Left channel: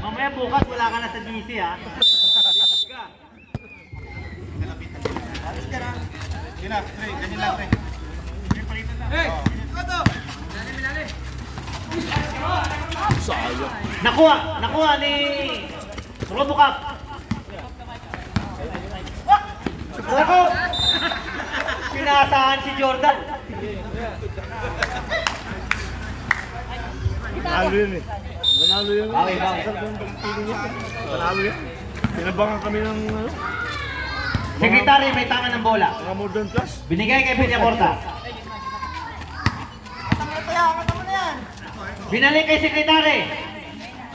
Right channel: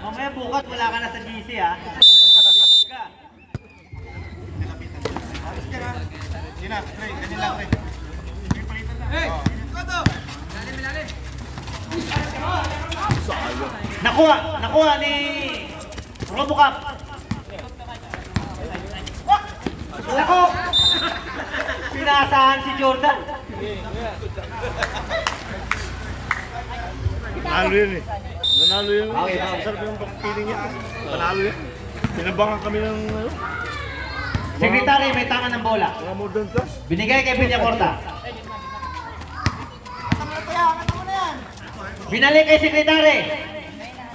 Mamaya bukas wala ka na sa GC ha. Sina, pre, ganyan lang pre. Hey! Nakuha ni Robocop. Nako! Pinasahan si Jordan. Nanalo yun eh. Nanalo yun. Okay. Sarap yung pagpili niya. Nanalo yun. Tinabangan kami ng ano. Sekretary, may tangan ng bola. Mga modern class. Binigay kay Villacorta. Binalik kay Sekretary.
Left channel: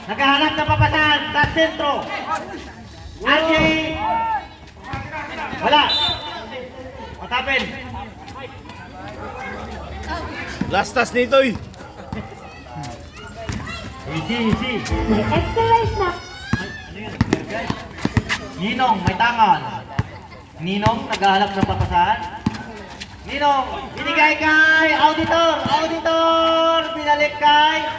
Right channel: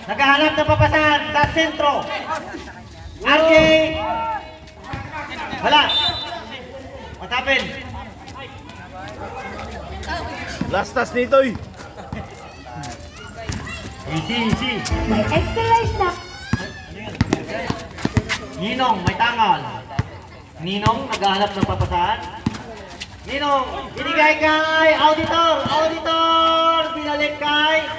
Naghahanap ng papasahan sa sentro. RJ. Wala. Patapin. Last task nito eh. Easy. Exercise na. Ninong, may tangan. Ninong, naghahanap ng papasahan. Ninong, binigay kay Auditor. Binalik kay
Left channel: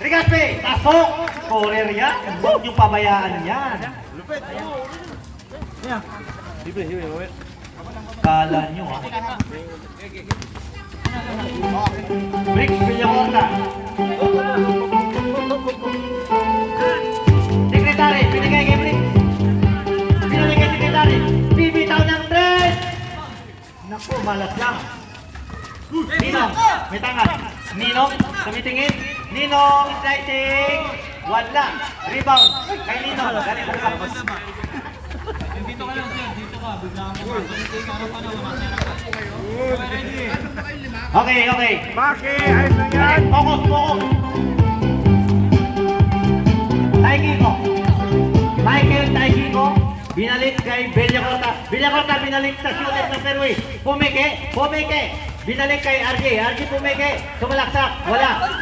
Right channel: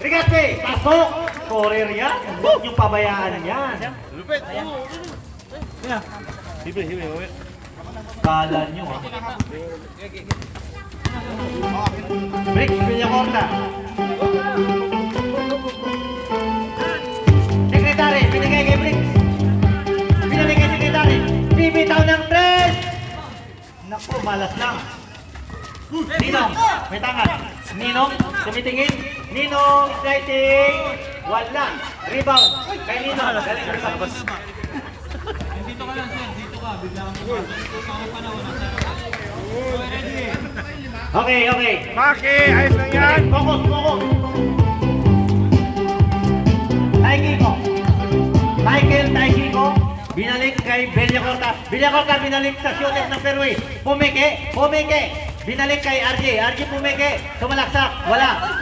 Rigaspe. Pasok. Courier yan. Huwag yung pabayaan yan. Lupit. Sige. Kala nyo ha. Bricks, Villacorta. Sekretary, binigay kay Bricks. Binalik kay Sekretary. Bibitaw ng 3. Naku, malas lang. Ninong, may tangan. Ninong, tumitingin. Ninong, sliding. Wala. Rebound. Kay Ninong. Dito ka lang sir, dito ka. Bigla kang pumasok. Sa harapan ako, nasa harapan. Okay, ready? Okay. Maki, ayos lang yan. Focus. Taigi ko. Binalik kay Villacorta. Binalik sa shooter ng fairway. Pumike. Binalik kay RJ pumike. Sumalaksak. Wala.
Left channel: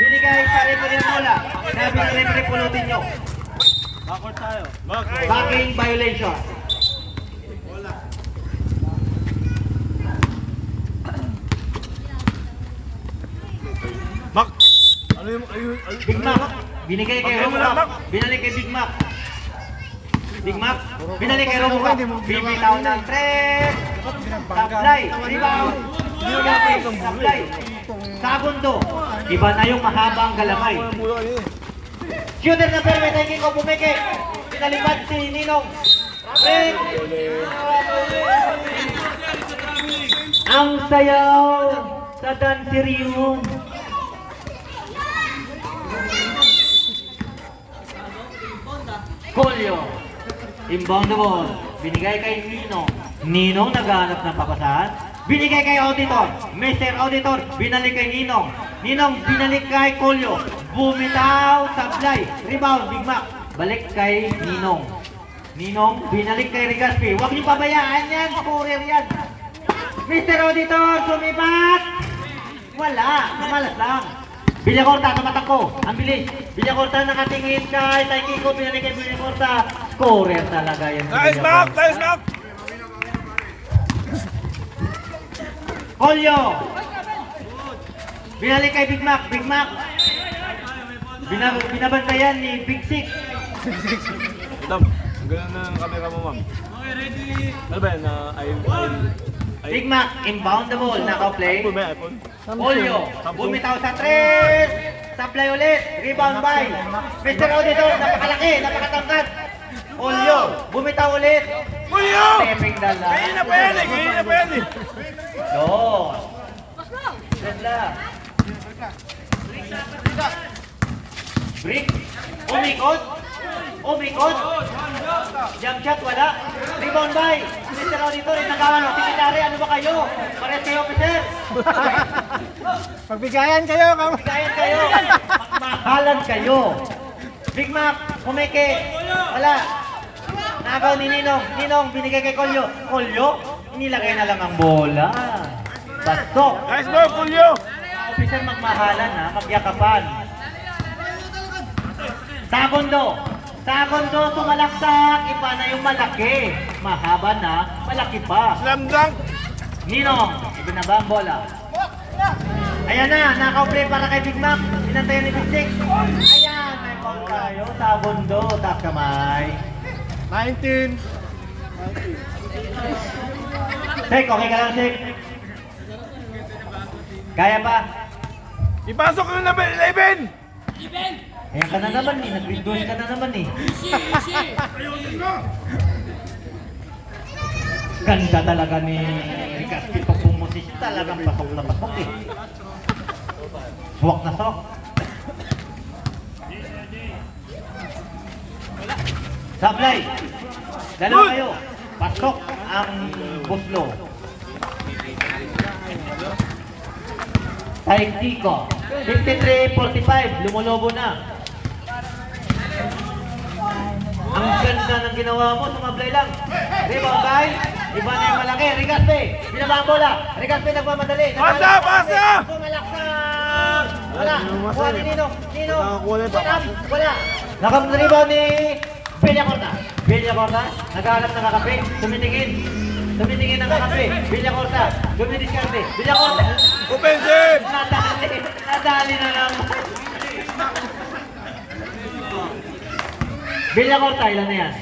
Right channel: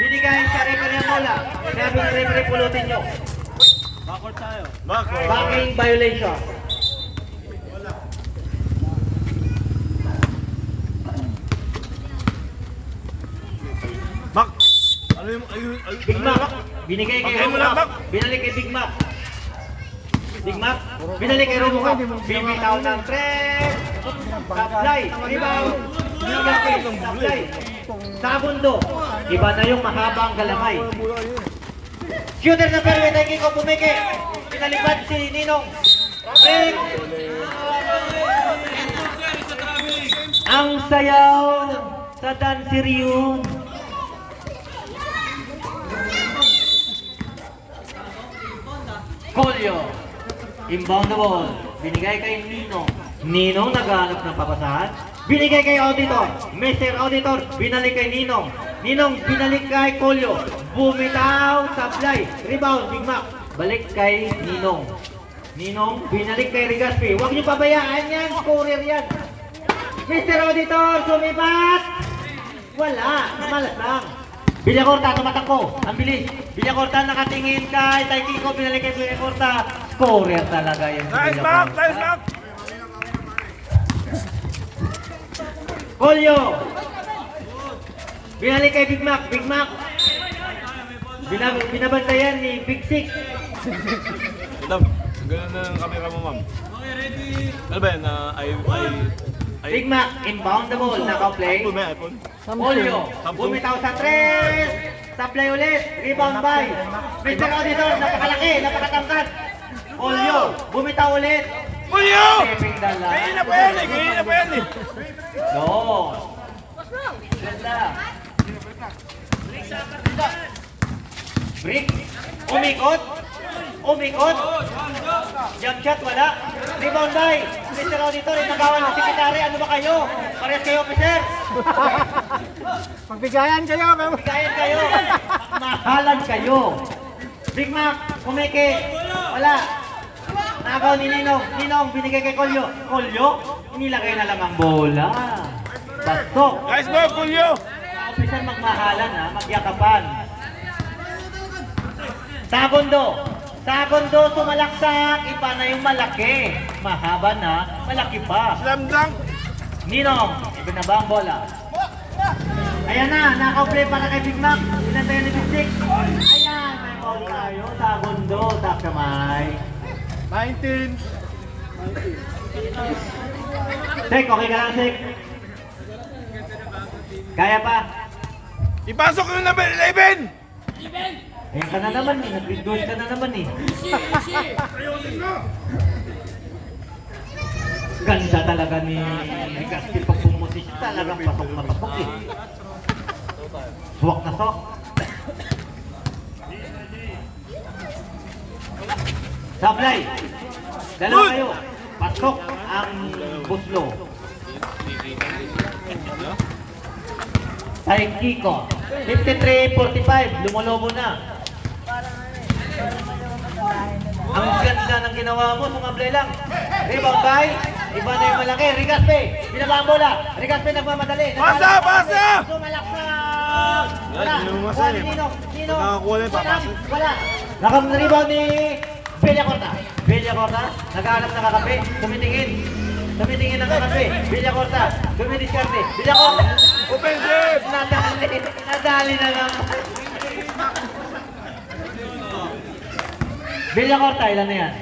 Binigay sa referee ng bola. Sabi ng referee, pulutin nyo. Backward tayo. Backing violation. Bak. Ano yung Big Mac. Binigay kay Robocop. Binalik kay Big Mac. Binalik kay Robocop. Bibitaw ng 3. Supply. Rebound. Supply. Segundo. Iba na yung mahabang galamay. Shooter na fairway. Taigi ko bumike. Pinalipad si Ninong. Break. Ang sayaw sa danserium. Julio. Inbound na ball. Binigay kay Ninong. Ninong naghahanap ng papasahan. Binigay kay Auditor. Mr. Auditor, binalik kay Ninong. Ninong, binalik kay Julio. Bumitaw, supply. Rebound, Big Mac. Balik kay Ninong. Ninong, binalik kay Rigaspe. Huwag niyo pabayaan yan. Courier yan. Mr. Auditor, sumipat. Wala. Malas lang. Villacorta, tumatakbo. Ang bilis. Villacorta nakatingin kay Taikiko. Binalik kay Villacorta. Courier talaga yun. Nice back. Julio. Binalik kay Big Mac. Binabantayan ni Big Six. Madam, ganun na ang camera mo, ma'am. Okay, ready? Ano ba yan? Big Mac, inbound the ball. Naka-play. iPhone ba? iPhone? Julio. Bumitaw sa 3. Supply ulit. Rebound by Mr. Auditor. Napakalaki. Napakatangkat. Julio. Bumitaw ulit. Julio! Saving the line. Kainin na pa yan eh. No. Ganda. Brick. Umikot. Jump shot, wala. Rebound by Mr. Auditor. Inagawan ng sekretary. Ano ba kayo? Pares kayo, officer. Pagbigayan kayo. Magkayan kayo. Magmahalan kayo. Big Mac, kumike. Wala. Nagaw ni Ninong, binigay kay Julio. Inilagay na lang ang bola. Basok. Nice ball, Julio! Officer, magmahalan ha, magyakapan. Segundo, sumalaksak. Iba na yung malaki. Mahaba na, malaki pa. Slam dunk! Ninong, ibinaba ang bola. Ayan na, naka-play para kay Big Mac. Sinantayan ni Big Six. Ayan, may ball tayo. Segundo, tak kamay. 19. Sek, okay ka lang, Sek? Kaya pa? Ipasok yung number 11! Ayan ka na naman eh, nag-reverse ka na naman eh. Ganda talaga ni Ricardo pag pumusis, talagang pasok na pasok eh. Suwak na suwak. Sablay! Dalawa kayo. Pasok ang buslo. Type Kiko. 53-45. Lumolobo na. Ang ganda ng ginawa mo. Sumablay lang. Rebound by. Iba na yung malaki. Rigaspe. Binaba ang bola. Rigaspe nagmamadali. Pasa! Pasa! Sumalaksan. Wala. Kuha ni Ninong. Ninong. Nakakuha na yung papasok. Wala. Nakamrebound ni Villacorta. Villacorta. Naghahanap ng kakape. Tumitingin. Tumitingin ng kakape. Villacorta. Dumidiskarte. Villacorta. Offensive! Nadali. Nadali na lang. Villacorta. Ilan na yan?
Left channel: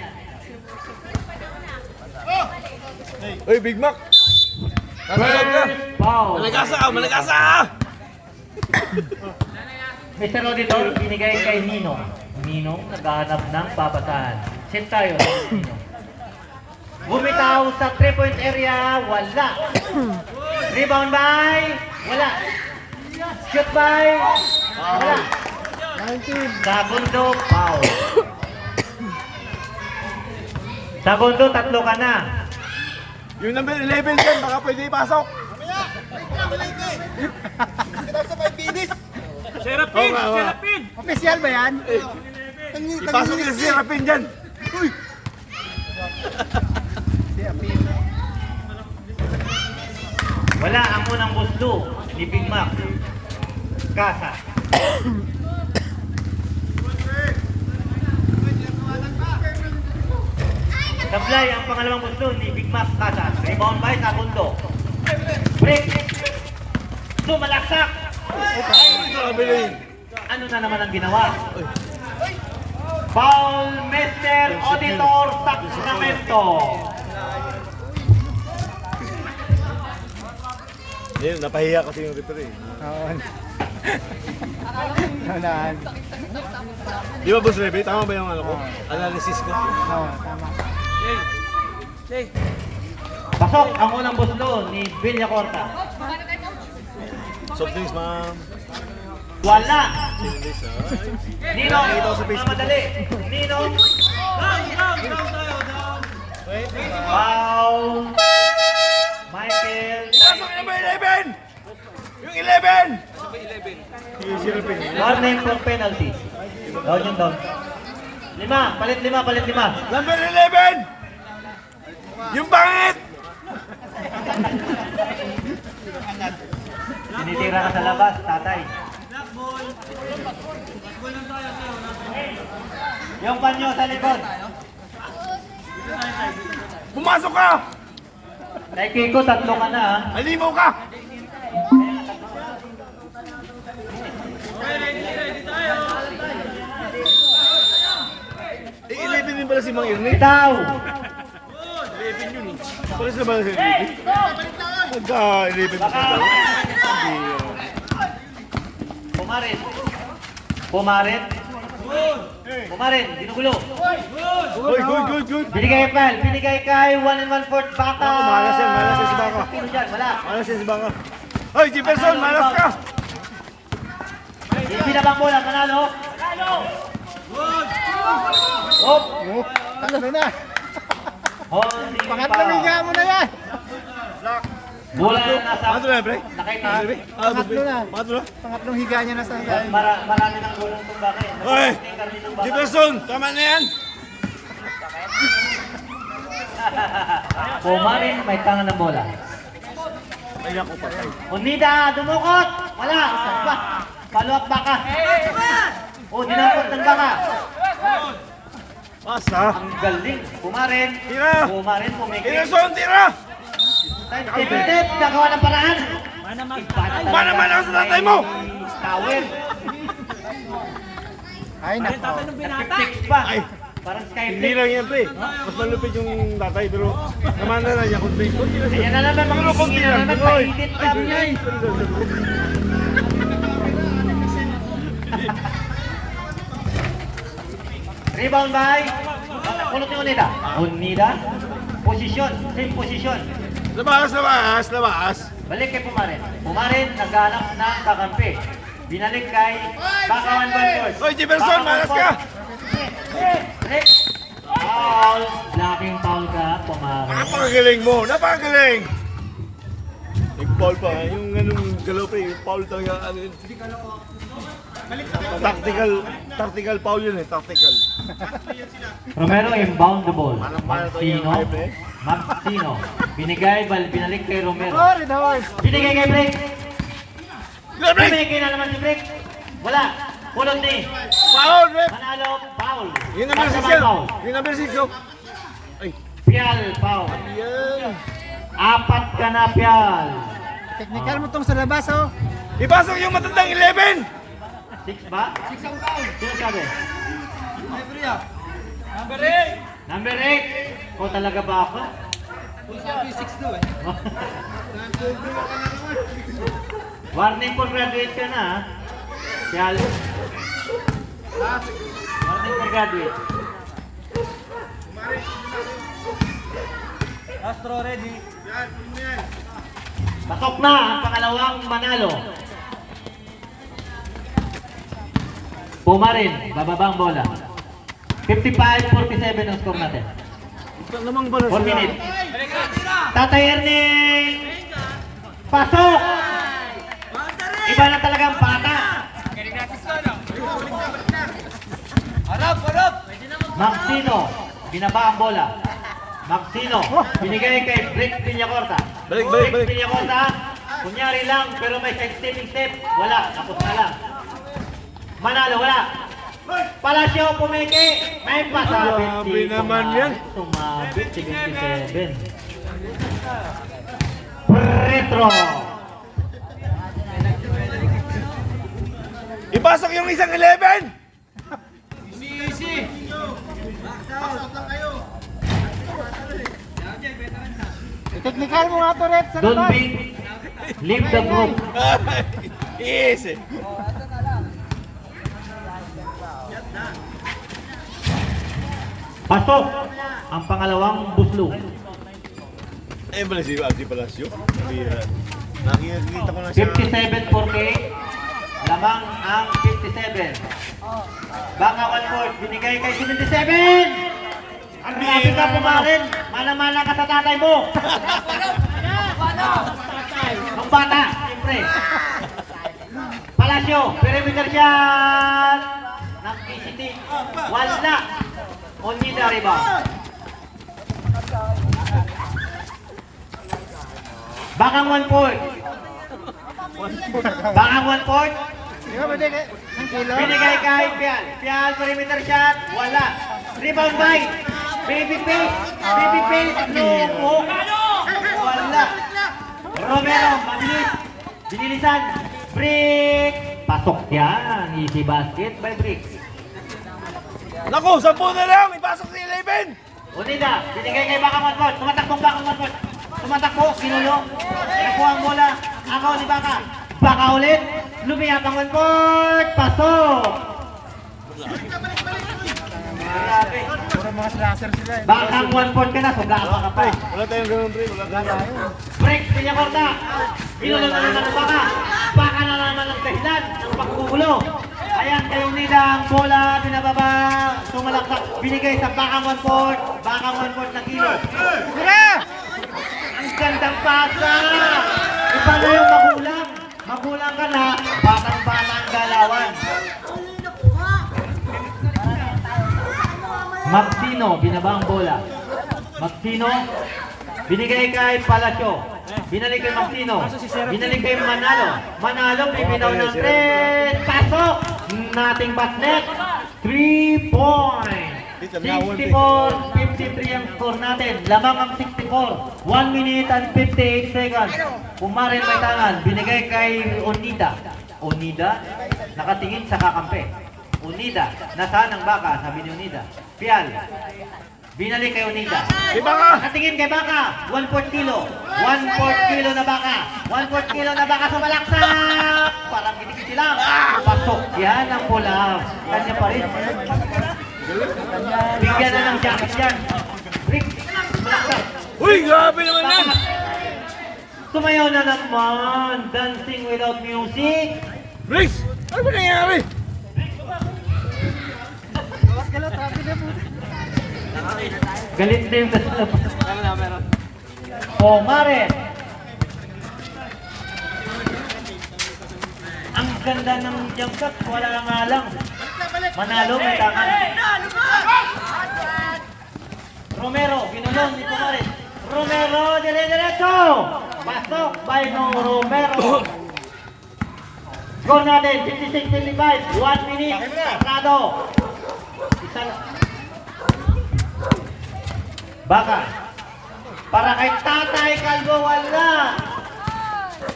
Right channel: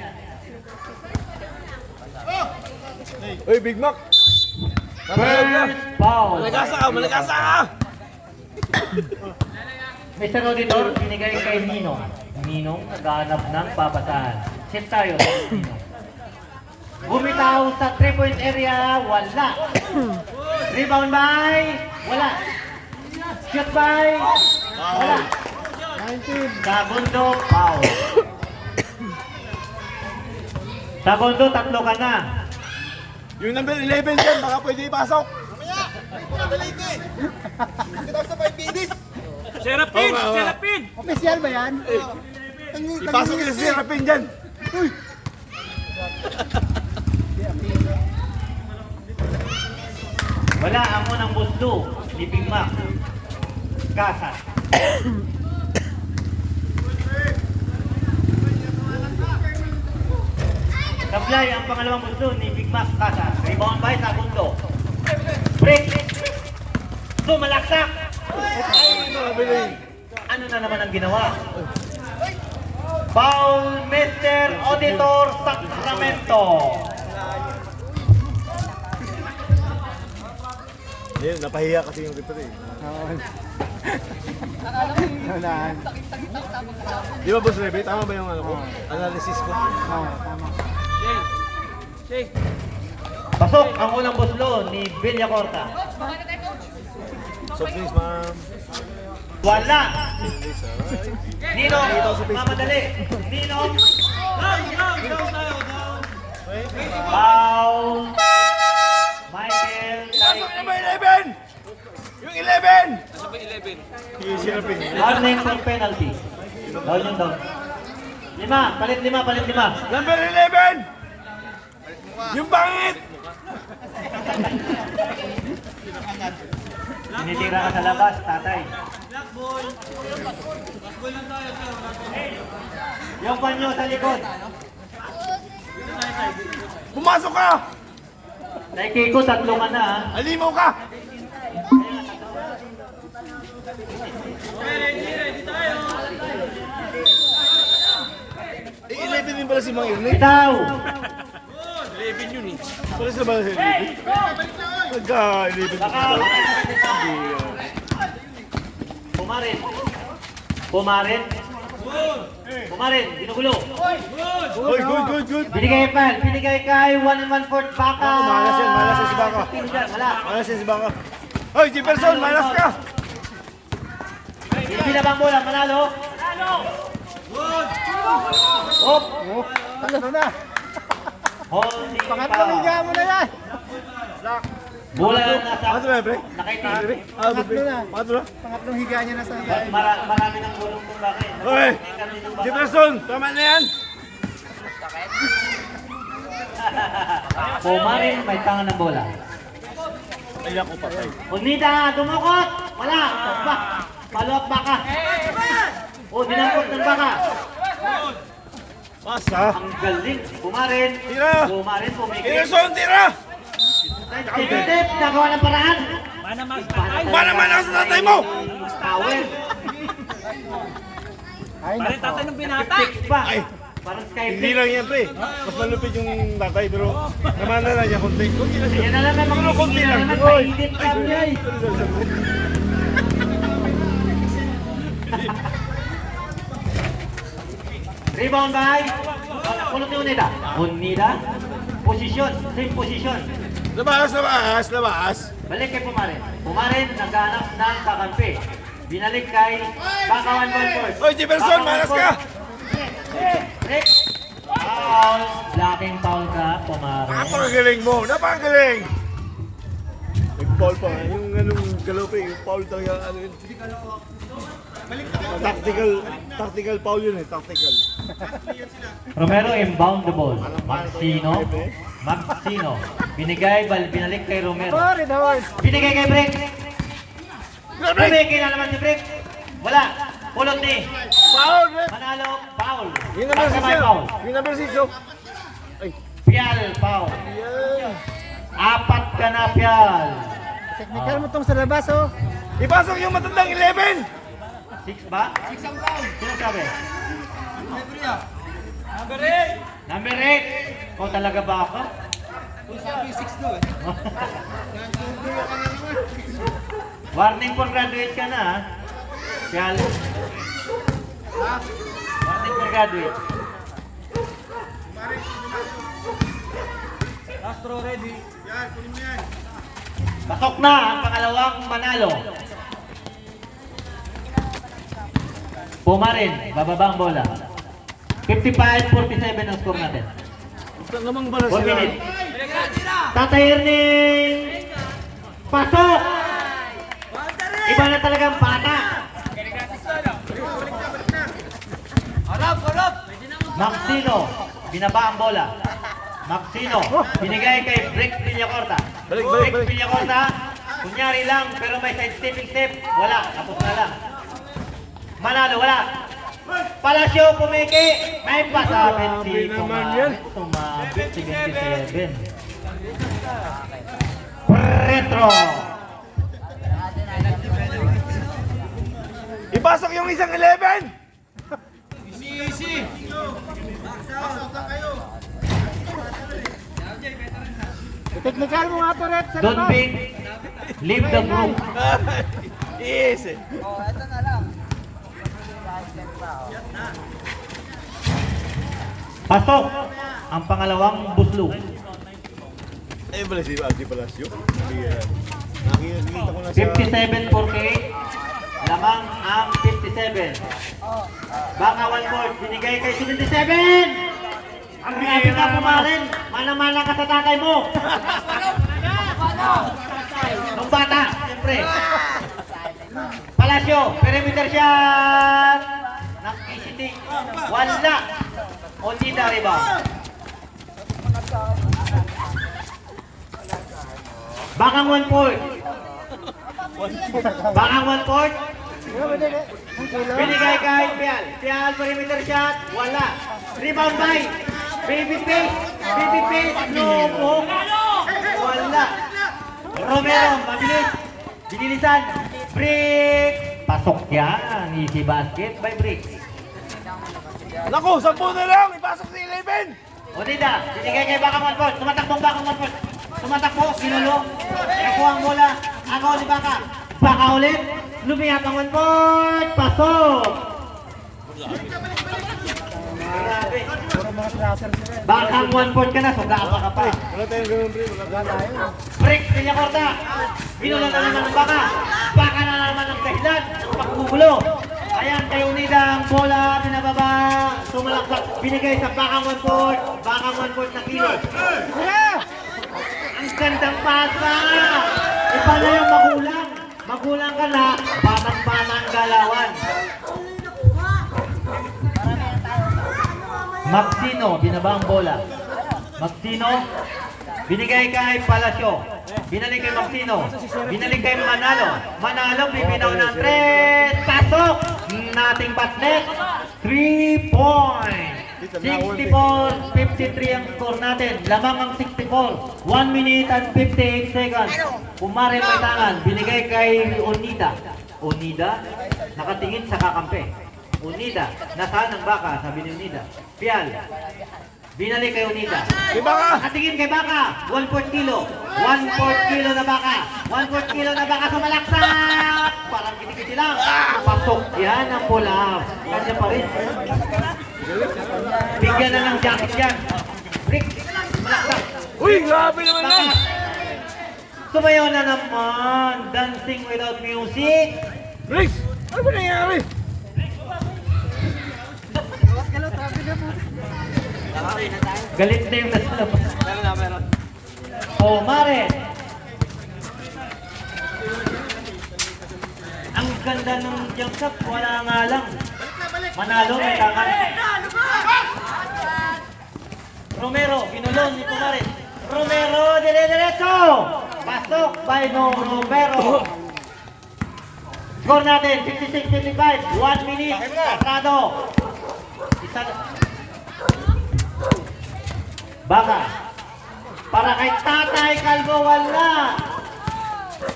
Uy, Big Mac! Foul. Malagasa ka! Malagasa ka! Mr. Auditor, binigay kay Ninong. Ninong, naghahanap ng babasahan. Set tayo. Bumitaw sa 3-point area, wala. Rebound by, wala. Shoot by, wala. 19. Segundo, foul. Segundo, tatlo ka na. Yung number 11 dyan, baka pwede ipasok. Serapin! Oo nga, oo nga. Serapin! Official ba yan? Ipasok yung si Serapin dyan. Wala ang unang gusto ni Big Mac. Kasa. Sablay ang pangalawang gusto ni Big Mac Kasa. Rebound by Segundo. Break. Sumalaksak. Ano na naman ang ginawa? Foul, Mr. Auditor Sacramento. Yun, napahiya kasi yung referee. Oo. Nalaan. Di ba, Boss Rebe? Tama ba yung ano ko? Analysis ko? Oo, tama. Pasok ang unang buslo ni Villacorta. Soft drinks, ma'am. Wala. Drinks, Ninong, mamadali. Ninong, Down tayo, down! foul. Michael. Ipasok yung number 11! Yung 11! Yung Serapin. 1-9 for penalty. Down yung down. Palit lima. Number 11! Yung bangit! Tinitira ka sa labas, tatay. Black ball! Black ball lang tayo, tayo. Wala tayo. Yung panyo sa likod. Dito tayo, tayo. Dito tayo. Pumasok ka! Naikiko, tatlo ka na ha. Alimaw ka! Okay, ready tayo. 11 din pala si Mang Irene. Bitaw. Pulis na ba si Irene? Nagka-11 Baka. Pumarin. Ginugulo. Good. Binigay kay 1-1-4 Baka. Ako, malas yan si Baka. Sino dyan? Wala. Malas yan si Baka. Hoy, Jefferson, malas ka! Binabang bola, panalo. Hop. Ano na? Holding Pangatlong higa foul. mo na yan. Bola nasa Pato na, pre? nakaitim. Pato na? Pangatlong higa niya na sa higa. Marami ng gulong itong Baka. Hoy! Jefferson, tama na yan! Pumarin, may tangan ng bola. Ay, ako patay. Unida, dumukot! Wala! Follow up Baka. Dinakot ng Baka. Pasa! Ang galing. Pumarin. Tira! Pumarin, pumikit. Jefferson, tira! Tip, nagawa ng paraan. Para man ako sa tatay mo! Towel. Ay, nako. Tatanong binata. Six pa. Ay. Parang sky Hindi flip. lang yan, pre. Mas malupit yung tatay, pero naman na lang niya, konti. Konti lang Ayan na naman, mga konti na naman, painit lang yan. Rebound by Kulot ni Unida. Unida. Position. Same position. Labas, labas, labas. Balik kay Pumarin. Pumarin, naghanap ng kakampi. Binalik kay Bakawan Balford. Hoy, Jefferson, malas ka! Break. Foul. Blocking foul ka, Pumarin. Napakagaling mo, napakagaling! Nag-foul pa nga, yung ganun galaw pa yung foul talaga, ano yun. Tactical foul yun eh, tactical. Romero inbound the ball. Maxino. Binalik kay Romero. Sorry, Dawes. Binigay kay Brick. Good break! Binigay na naman si Brick. Wala. Pulot ni. Foul, rep! Manalo, foul. Yung number 6 Basta may yun! foul. Yung number 6 oh! Ay, Pial, foul. yan! Apat ka na, Pial. Technical mo tong sa labas, oh. Ipasok yung matandang 11! 6 ba? 6 ang foul. Sino sabi? Number 8. Number 8. O talaga ba ako? Sabi 6 daw eh. Warning for graduate ka na, ha? Pial. Warning for graduate. Astro ready. Pasok na ang pangalawang manalo. Pumarin, bababa ang bola. 55-47 ang score natin. Ito naman pala 1 minute. Tatay Erning! Pasok! Iba na talagang bata. Harap. Maxino, binaba ang bola. Maxino, binigay kay Brick Villacorta. Balik. Brick Villacorta, kunyari lang, pero may side-stepping step. Wala, tapos na lang. Manalo, wala. Palacio, pumiki. May pasabit si Grabe naman yan. Tumabit si 27. Retro. Ipasok yung isang 11! Easy. Technical mo nga to, Rep. Sa Don't labas. be, leave the group. Easy! Pasok ang pangalawang buslo. Eh, pala si Aldi Palacio. Nakikita ko na siya. 57 4K. Lamang ang 57. Baka 1 point. Binigay kay 77. Ang grabe ka pumarin. Mana-mana ka sa tatay mo. Ang bata, siyempre. Palacio, perimeter shot. Ng PCT. Wala. Only the rebound. Bakang 1 point. Bakang 1 point. Di ba, pwede kay ang kilo? Binigay kay Pial. Pial, perimeter shot. Wala. Rebound by. Baby face. Baby face. No po. Wala. Romero, mabilis. Binilisan. Brick. Pasok yan. Easy basket by Brick. Naku, 10 na lang! Ipasok si 11! Unida, binigay kay Bakang 1 point. Tumatakbong Bakang 1 point. Tumatakbo, ginulo. Nakuha ang bola. Agaw ni Baka. Baka ulit. Lumiyap ang 1 point. Pasok. Grabe. Puro mga slasher sila. eh. Bakang 1 point ka na. Sugapa ka pa. Wala tayong ganun, pre. Wala tayong. Break, Villacorta. Ginulo ka na ng Baka. Baka na naman ang dahilan. Pagkugulo. Ayan, kay Unida ang bola. Pinababa. Sumalaksak. Binigay sa Bakang 1 point. Bakang 1 point na kilo. Tara! Ang gandang pasa! Iba na yung magulang. Magulang ka na, batang-bata ang galawan. Maxino, binaba ang bola. Maxino, binigay kay Palacio. Binalik kay Maxino. Binalik kay Manalo. Manalo, bibitaw ng 3. Pasok! Nating basket. 3 point. 64-53 ang score natin. Lamang ang 64. 1 minute and 58 seconds. Pumarin Paitangan. Binigay kay Onida. Onida, nakatingin sa kakampi. Unida. Nasaan ang baka? Sabi ni Unida. Pial. Binalik kay Unida. Di ba ka? Nakatingin kay baka. 1/4 kilo. 1/4 kilo na baka. 1/4 kilo na baka sa malaksak. Parang kinikiti lang. Pasok. Yan ang pula. Kanya pa rin. Bigyan na ng jacket yan. Rick. Uy, grabe naman yan! Sumayaw na naman. Dancing without music. Briggs! Ano ba nangyari? Galit na yung Oh, Mare. Ang ganda ng jump shot. Wala nga lang. Manalo, may tangan. Romero, binulong ni Pumares. Romero, dire-diretso! Pasok by Romero. Score natin, 56-55. 1 minute. Pasado. Isang baka. Para kay Tatay Calvo, wala.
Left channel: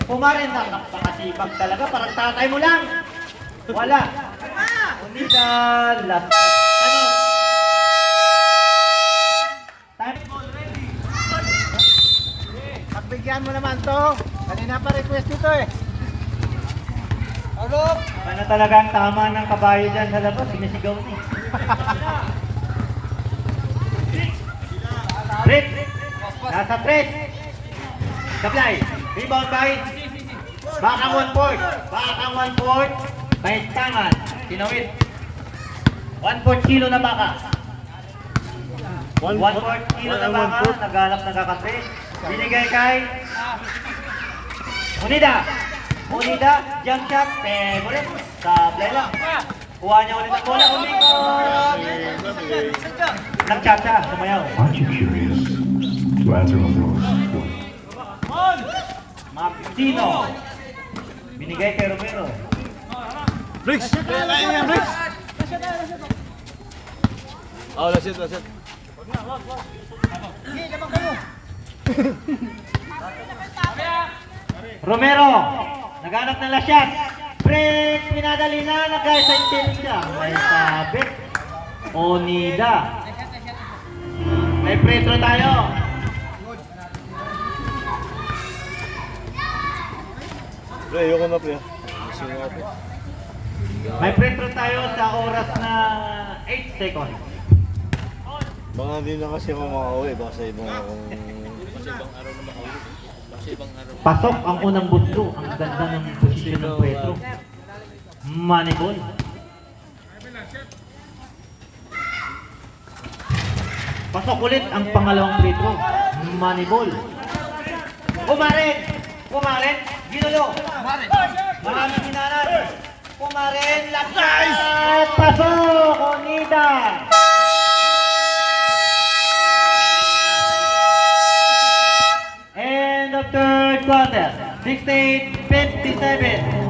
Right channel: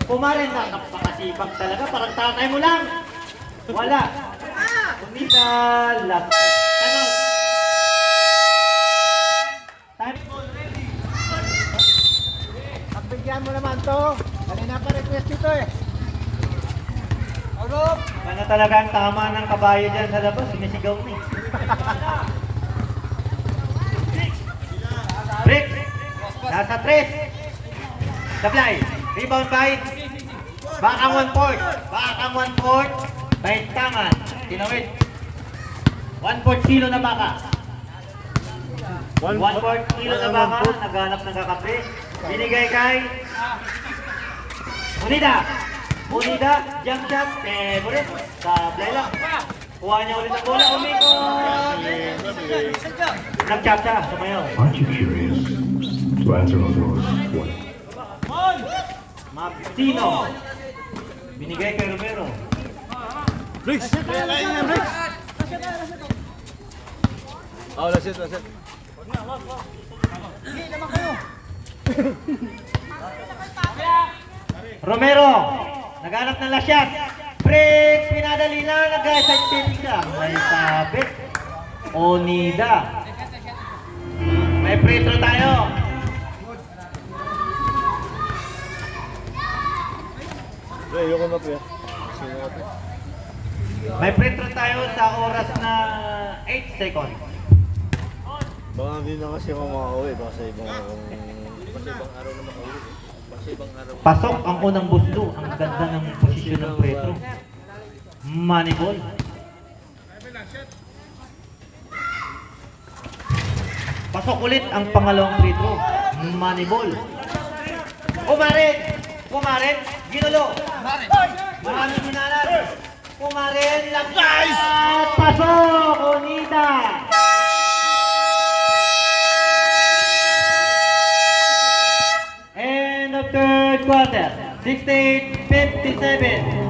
Pumares na, napakasipag talaga. Parang tatay mo lang. Wala. Hindi ka last. Ano? Time. Pagbigyan mo naman to. Kanina pa request ito eh. Ano talaga ang tama ng kabayo dyan sa labas? Sinisigaw niya. Break! Nasa 3. Supply. Rebound by Bakang 1 point. Bakang 1 point. Baintangan. Tinawid. 1/4 kilo na baka. 1/4 kilo na baka. Nagalap ng kakatri. Binigay kay Unida. Unida. Jump shot. Favorite. Supply lang. Kuha niya ulit ang bola. Umikot. Nag-chat siya. Sumayaw. Aren't you curious to answer on your own? Martino. Binigay kay Romero. Briggs! Kaya yan, Briggs! Oh, that's it, that's it. Romero. Naghanap ng last shot. Break. Pinadali na. Nag-side tip siya. May sabit. Onida. May free throw tayo. Pre, ayoko na, pre. Sino nga, pre? May free throw tayo sa oras na 8 seconds. Baka hindi na kasi ako makauwi. Baka sa ibang akong... Pasok ang unang buslo. Ang ganda ng posisyon ng Petro. Moneyball. Pasok ulit ang pangalawang free throw. Moneyball. Kumaren! Kumaren! Ginulo! Maraming hinalan! Kumaren! Lapsat! Pasok! Onida! End of third quarter. 68-57.